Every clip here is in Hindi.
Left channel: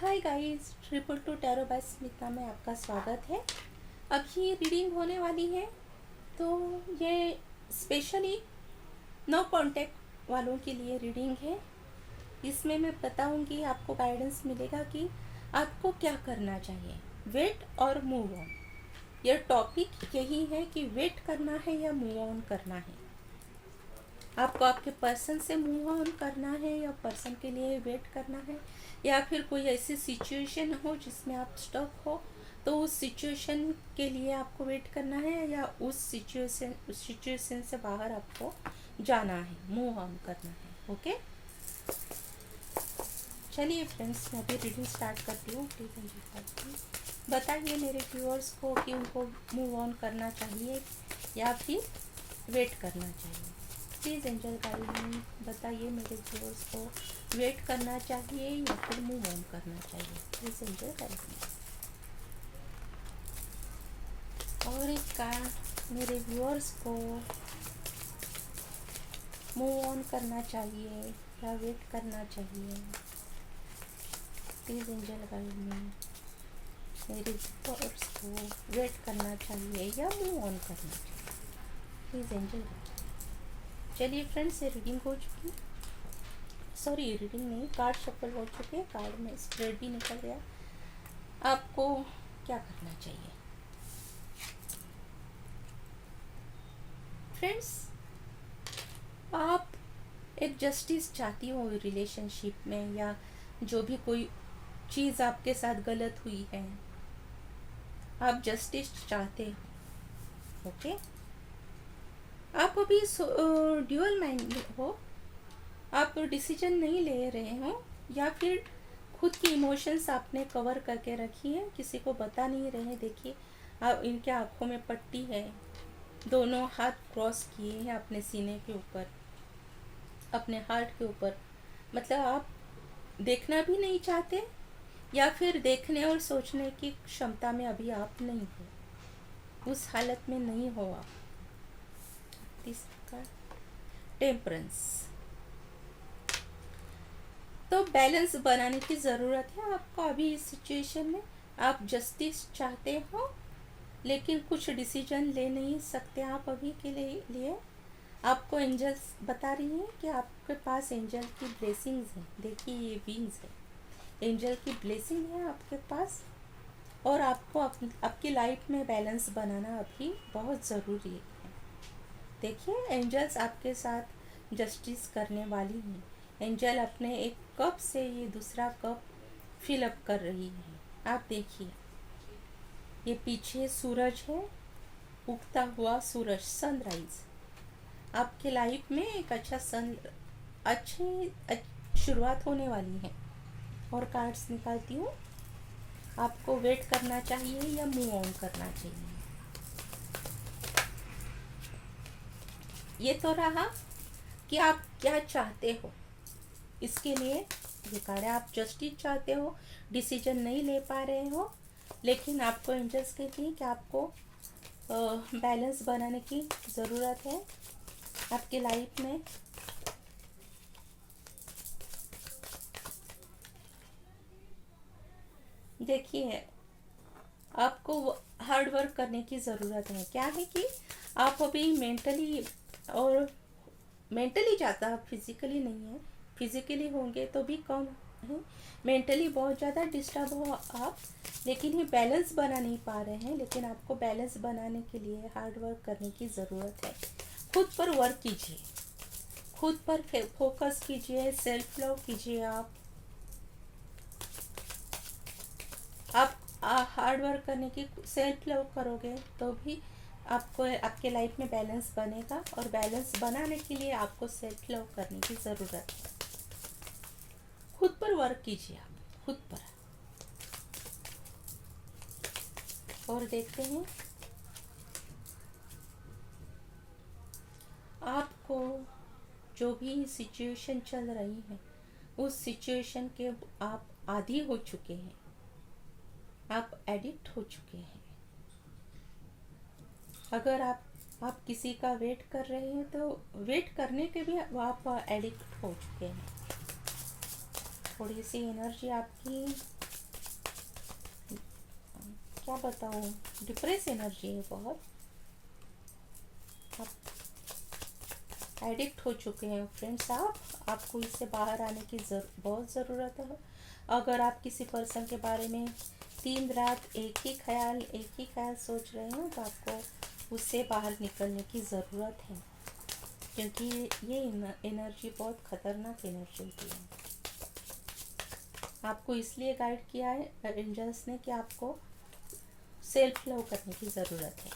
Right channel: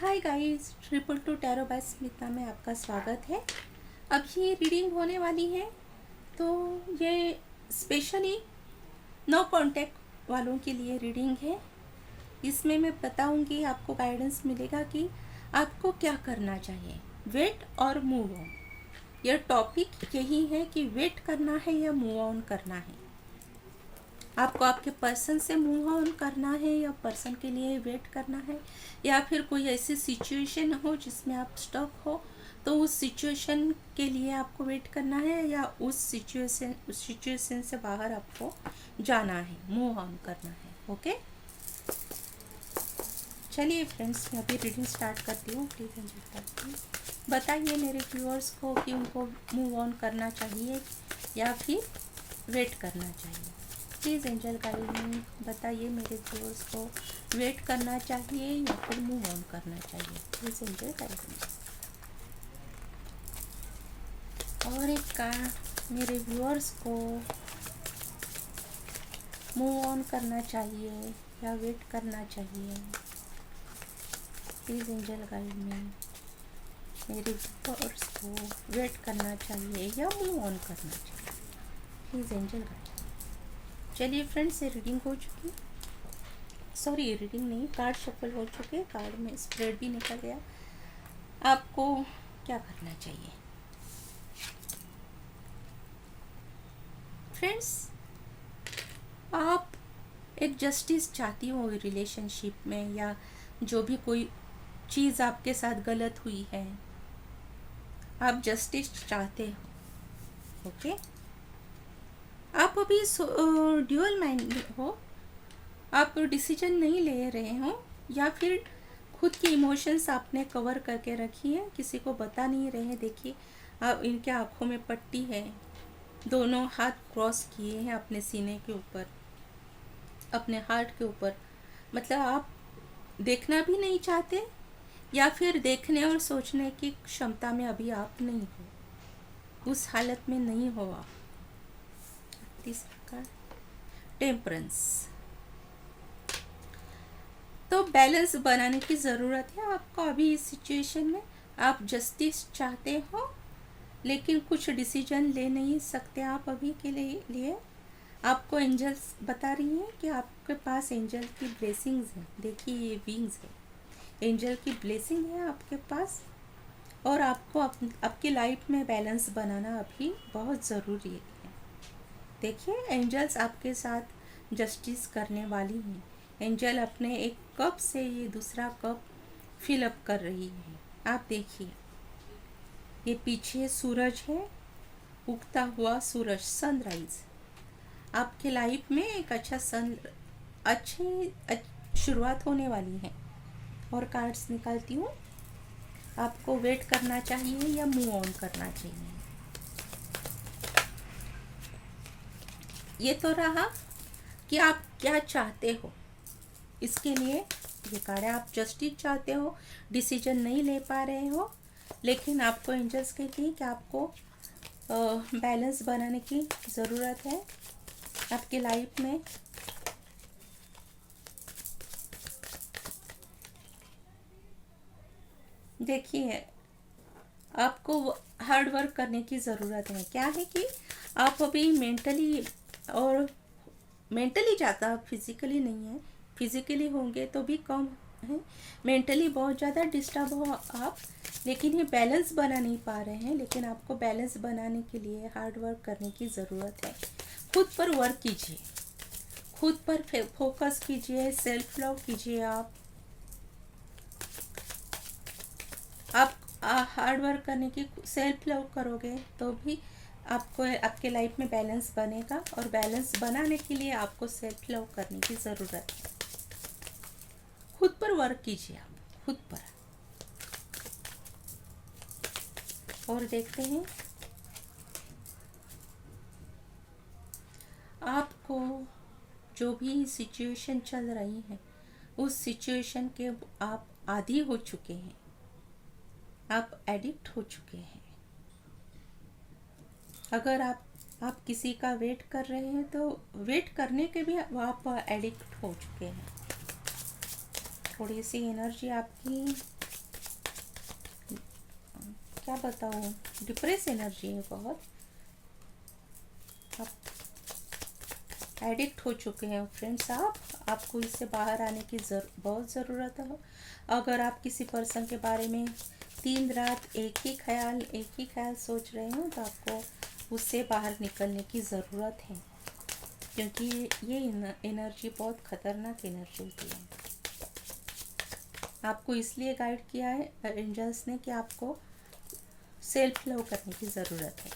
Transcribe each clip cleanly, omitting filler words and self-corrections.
Hi guys, triple two tarot by Smita में आपका स्वागत है। अब ये रीडिंग होने वाली है, तो ये स्पेशली नो कांटेक्ट वालों के लिए रीडिंग है। इसमें मैं बताऊंगी, आपको गाइडेंस मिलेगा कि आपको क्या करना चाहिए, वेट और मूव ऑन। यह टॉपिक यही है कि वेट करना है या मूव ऑन करना है। आपको आपके पर्सन से मूव ऑन करना है या पर्सन के लिए वेट करना है, या फिर कोई ऐसी सिचुएशन हो जिसमें आप स्टक हो तो उस सिचुएशन के लिए आपको वेट करना है, या उस सिचुएशन से बाहर आपको जाना है, मूव ऑन करना है। ओके, चलिए फ्रेंड्स, मैं अभी रीडिंग स्टार्ट करती हूँ। प्लीज़ एंजॉय करती हूँ। बताइए मेरे व्यूअर्स को कि उनको मूव ऑन करना चाहिए या फिर वेट करना चाहिए। प्लीज़ एंजल गाइड मी, बताइए मेरे व्यूअर्स को वेट करना चाहिए या फिर मूव ऑन करना चाहिए। Please angel guide me. और एक का मेरे व्यूअर्स को मूव ऑन करना चाहिए या वेट करना चाहिए। प्लीज़ एंजल गाइड मी, मेरे व्यूअर्स को वेट करना चाहिए या मूव ऑन करना चाहिए। Please angel guide. चलिए फ्रेंड्स, ये रीडिंग हो चुकी, सॉरी रीडिंग नहीं, कार्ड शफल हो चुके, कार्ड में स्प्रेड भी निकल गया। आपको क्या करना चाहिए फ्रेंड्स? आप एक जस्टिस चाहती हो रिलेशनशिप में, या जो भी कोई चीज़ आपके साथ गलत हुई है, आप जस्टिस चाहते हो। ओके, आप अभी ड्यूअल माइंड हो, आप डिसीजन नहीं ले रहे हो, या फिर खुद की इमोशंस आपने कवर करके रखी है, किसी को बता नहीं रहे। देखिए, आप इनके आंखों में पट्टी है, दोनों हाथ क्रॉस किए हैं अपने सीने के ऊपर, अपने हार्ट के ऊपर। मतलब आप देखना भी नहीं चाहते, या फिर देखने और सोचने की क्षमता में अभी आप नहीं हो, उस हालत में नहीं हो आप। तीसरा, टेम्परेंस। तो बैलेंस बनाने की ज़रूरत है आपको अभी इस सिचुएशन में। आप जस्टिस चाहते हो, लेकिन कुछ डिसीजन ले नहीं सकते आप अभी के लिए। आपको एंजल्स बता रही हैं कि आपके पास एंजल की ब्लेसिंग्स हैं। देखिए, ये विंग्स है, एंजल की ब्लेसिंग है आपके पास, और आपको आपकी लाइफ में बैलेंस बनाना अभी बहुत ज़रूरी है। देखिए, एंजल्स आपके साथ जस्टिस करने वाली हैं। एंजल अपने एक कप से ये दूसरा कप फिल अप कर रही है। आप देखिए, ये पीछे सूरज है, उगता हुआ सूरज, सनराइज। आपके लाइफ में एक अच्छी शुरुआत होने वाली है। और कार्ड्स निकालती हूँ, आपको वेट करना चाहिए या मूव ऑन करना चाहिए। ये तो रहा कि आप क्या चाहते हो। इसके लिए ये कार्ड है, आप जस्टिस चाहते हो, डिसीजन नहीं ले पा रहे हो, लेकिन आपको एंजल्स कहती हैं कि आपको बैलेंस बनाने की ज़रूरत है आपकी लाइफ में। देखिए, आपको हार्ड वर्क करने की ज़रूरत है। क्या है कि आप अभी मेंटली ज़्यादा, फिजिकली नहीं है, फिजिकली होंगे तो भी कम है, मेंटली बहुत ज़्यादा डिस्टर्ब हो आप, लेकिन ये बैलेंस बना नहीं पा रहे हैं। लेकिन आपको बैलेंस बनाने के लिए हार्ड वर्क करने की ज़रूरत है। खुद पर वर्क कीजिए, खुद पर फोकस कीजिए, सेल्फ लव कीजिए। आप हार्ड वर्क करने की, सेल्फ लव करोगे तो भी आपको आपके लाइफ में बैलेंस बनेगा, और बैलेंस बनाने के लिए आपको सेल्फ लव करने की ज़रूरत है। खुद पर वर्क कीजिए, आप खुद पर। और देखते हैं आपको जो भी सिचुएशन चल रही है, उस सिचुएशन के आप आदी हो चुके हैं, आप एडिक्ट हो चुके हैं। अगर आप किसी का वेट कर रहे हैं तो वेट करने के भी आप एडिक्ट हो चुके हैं। थोड़ी सी एनर्जी आपकी क्या बताऊँ, डिप्रेस एनर्जी है बहुत। आप एडिक्ट हो चुके हैं फ्रेंड्स। आपको इससे बाहर आने की बहुत ज़रूरत है। अगर आप किसी पर्सन के बारे में दिन रात एक ही ख्याल सोच रहे हो तो आपको उससे बाहर निकलने की ज़रूरत है, क्योंकि ये एनर्जी बहुत ख़तरनाक एनर्जी होती है। आपको इसलिए गाइड किया है एंजल्स ने कि आपको सेल्फ लव करने की ज़रूरत है।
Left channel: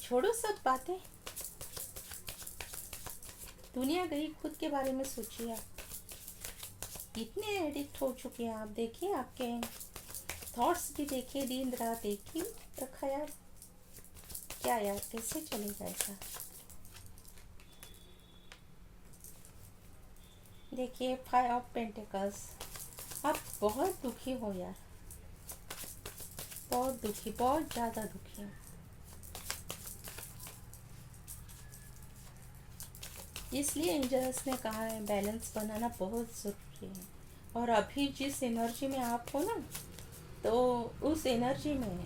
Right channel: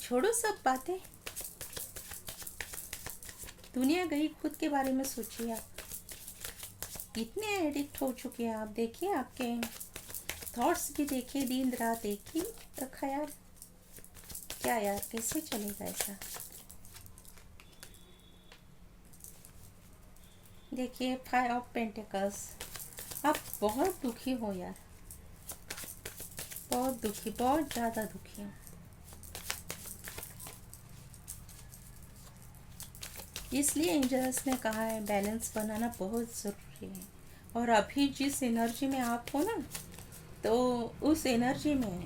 छोड़ो सब बातें, दुनिया गई, खुद के बारे में सोचिए। आप इतने एडिक्ट हो चुके हैं। आप देखिए, आपके थॉट्स भी देखिए, दिन रात एक ही रखा यार। क्या यार, कैसे चलेगा ऐसा? देखिए, 5 ऑफ पेंटिकल्स। आप बहुत दुखी हो यार, बहुत दुखी, बहुत ज़्यादा दुखी। इसलिए एंजल्स ने कहा है बैलेंस बनाना बहुत ज़रूरी है। और अभी जिस एनर्जी में आप हो ना, तो उस एनर्जी में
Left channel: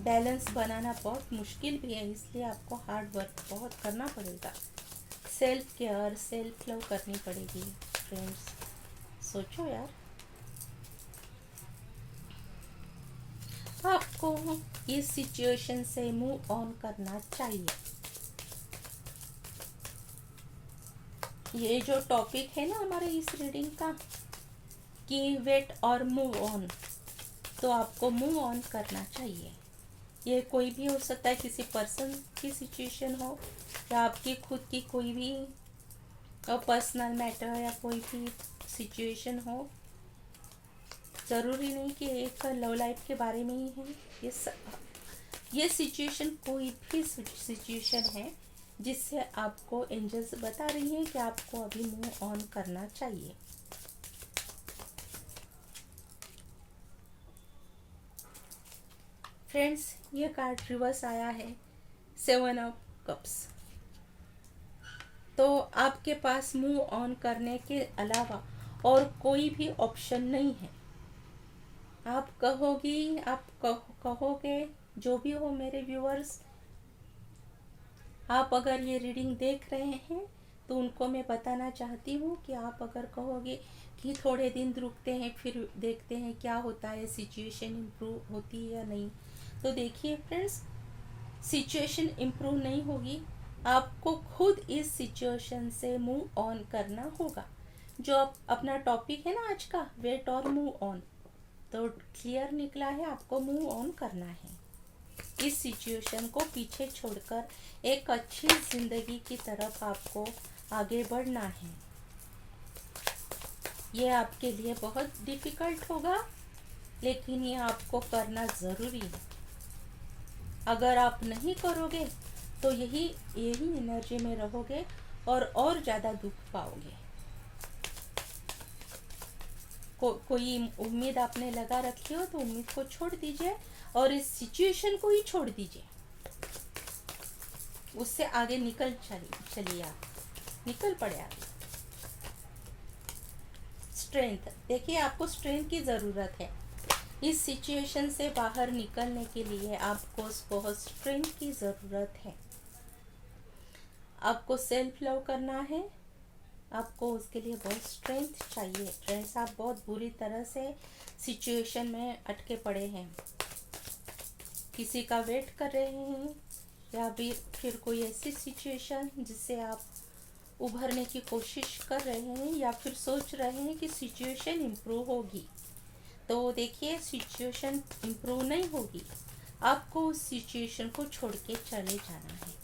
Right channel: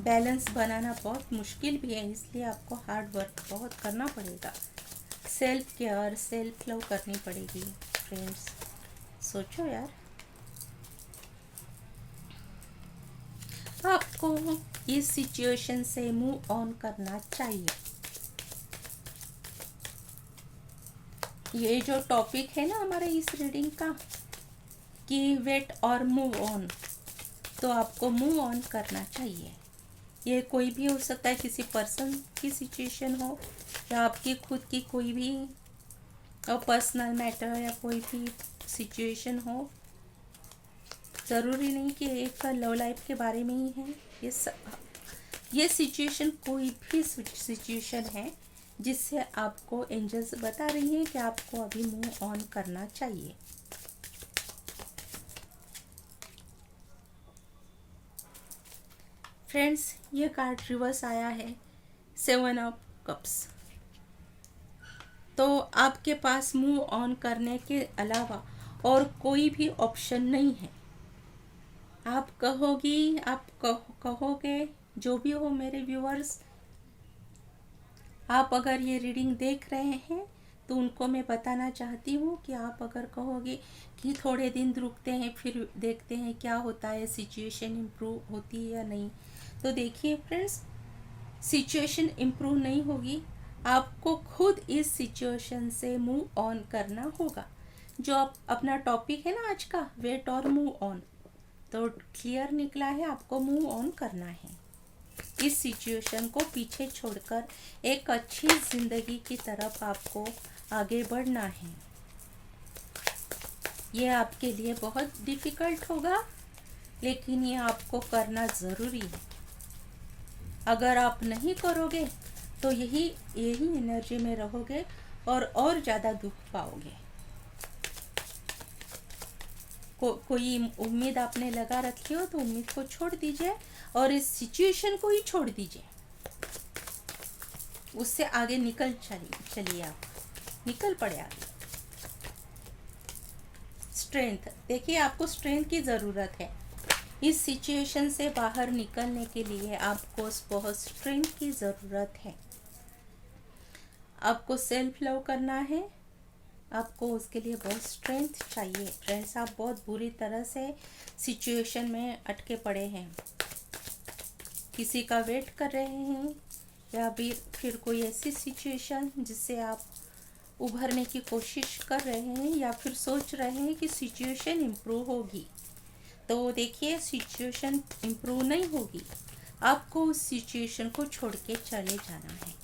बैलेंस बनाना बहुत मुश्किल भी है। इसलिए आपको हार्ड वर्क बहुत करना पड़ेगा। सेल्फ केयर, सेल्फ लव करनी पड़ेगी फ्रेंड्स। सोचो यार, आपको इस सिचुएशन से मूव ऑन करना चाहिए। ये जो टॉपिक है ना हमारे इस रीडिंग का कि वेट और मूव ऑन, तो आपको मूव ऑन करना चाहिए। ये कोई भी हो सकता है, किसी पर्सन की सिचुएशन हो या आपकी खुद की कोई भी पर्सनल मैटर या कोई भी सिचुएशन हो। ज़रूरी नहीं कि एक लव लाइफ के बारे में ही है। ये सिचुएशन कोई भी सिचुएशन है जिससे आपको एंजल्स बता रही है कि आपको अभी मूव ऑन करना चाहिए। फ्रेंड्स, ये कार्ड रिवर्स आया है, 7 ऑफ कप्स। तो आपके पास मूव ऑन करने के अलावा और कोई भी ऑप्शन नहीं है। आप कहोगे, जो भी हो मेरे व्यूअर्स, आप अगर ये रीडिंग देख रहे हैं तो उनको मैं बताना चाहती हूँ कि आप अगर कहोगे कि थोड़े दिन रुकते हैं फिर देखते हैं क्या होता है, सिचुएशन इम्प्रूव होती है या नहीं, तो देखिए फ्रेंड्स, सिचुएशन इम्प्रूव नहीं होगी। आपको खुद इस सिचुएशन से मूव ऑन करना होगा। जो अपना टॉपिक है ना आज का, वेट और मूव ऑन, तो क्लियर निकला है, आपको मूव ऑन करना है। इस सिचुएशन को पीछे छोड़कर एक अच्छी जिंदगी की तरफ आपको आगे बढ़ना है। ये आपके लिए बहुत डिफिकल्ट होगा, लेकिन ये आपको करना ज़रूरी है। अगर आप नहीं करोगे तो यही एनर्जी में रहोगे और ज़्यादा दुख पाओगे। कोई उम्मीद आपने लगा रखी हो तो उम्मीद को छोड़ दीजिए और इस सिचुएशन को ही छोड़ दीजिए। उससे आगे चलिए, आप निकल पड़े आगे। स्ट्रेंथ, देखिए आपको स्ट्रेंथ की ज़रूरत है। इस सिचुएशन से बाहर निकलने के लिए आपको बहुत स्ट्रेंथ की ज़रूरत है। आपको सेल्फ लव करना है, आपको उसके लिए बहुत स्ट्रेंथ चाहिए। फ्रेंड्स, आप बहुत बुरी तरह से सिचुएशन में अटके पड़े हैं, किसी का वेट कर रहे हैं या फिर कोई ऐसी सिचुएशन जिससे आप उभरने की कोशिश कर रहे हैं या फिर सोच रहे हैं कि सिचुएशन इम्प्रूव होगी। तो देखिए, सिचुएशन इम्प्रूव नहीं होगी, आपको उस सिचुएशन को छोड़ के चले जाना है।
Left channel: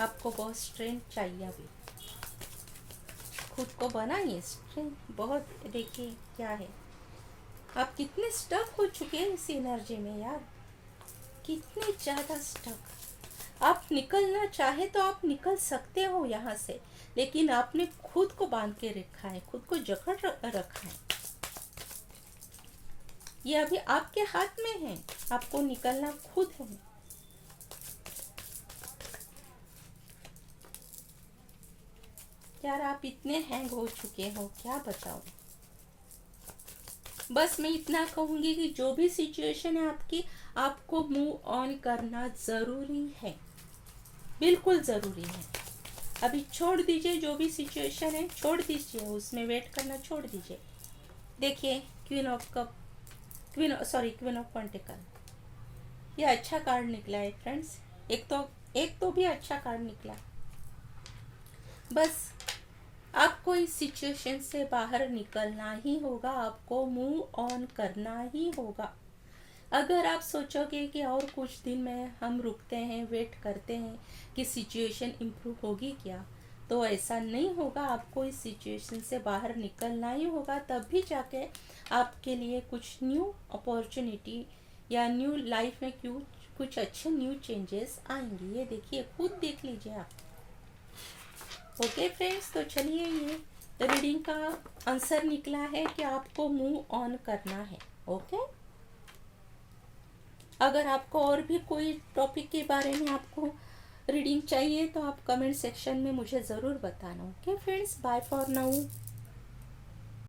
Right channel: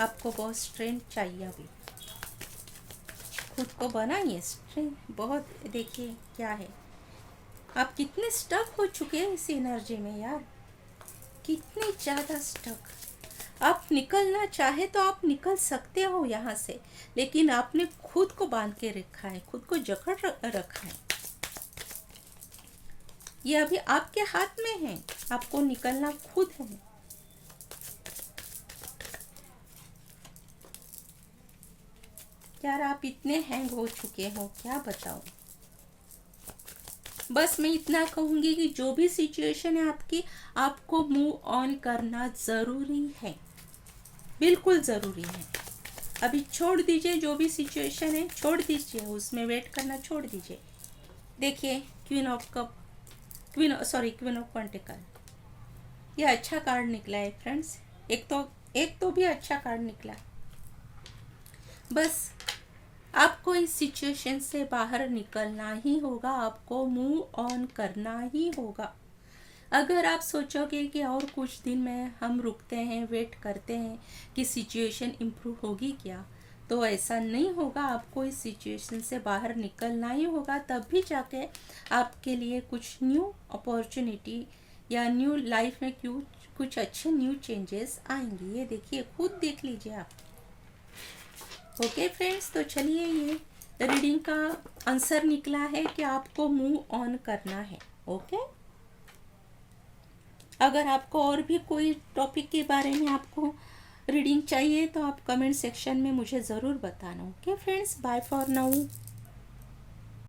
आपको बहुत स्ट्रेंथ चाहिए। अभी खुद को बनाइए स्ट्रेंथ बहुत। देखिए क्या है, आप कितने स्टक हो चुके हैं इस एनर्जी में यार, कितने ज़्यादा स्टक। आप निकलना चाहे तो आप निकल सकते हो यहाँ से, लेकिन आपने खुद को बांध के रखा है, खुद को जकड़ रखा है। ये अभी आपके हाथ में है, आपको निकलना खुद है। यार, आप इतने हैंग हो चुके हो, क्या बताऊं। बस मैं इतना कहूँगी कि जो भी सिचुएशन है आपकी, आपको मूव ऑन करना ज़रूरी है, बिल्कुल ज़रूरी है। अभी छोड़ दीजिए, जो भी सिचुएशन है छोड़ दीजिए, उसमें वेट करना छोड़ दीजिए। देखिए क्वीन ऑफ पेंटिकल, ये अच्छा कार्ड निकला है फ्रेंड्स। एक तो भी अच्छा कार्ड निकला। बस आपको इस सिचुएशन से बाहर निकलना ही होगा, आपको मूव ऑन करना ही होगा। अगर आप सोचोगे कि और कुछ दिन में हम रुकते हैं, वेट करते हैं कि सिचुएशन इम्प्रूव होगी क्या, तो ऐसा नहीं होगा। आपको इस सिचुएशन से बाहर निकलना ही होगा, तब भी जाके आपके लिए कुछ न्यू अपॉर्चुनिटी या न्यू लाइफ में कुछ अच्छे न्यू चेंजेस आएंगे। ये देखिए, खुद देख लीजिए आप। ओके फ्रेंड्स, तो चलिए, ये रीडिंग का आंसर निकला है कि आपको मूव ऑन करना है। ओके, अगर आपको और भी कोई टॉपिक के बारे में आपको रीडिंग चाहिए तो आप कमेंट सेक्शन में मुझे ज़रूर बताना। Okay friends, bye for now.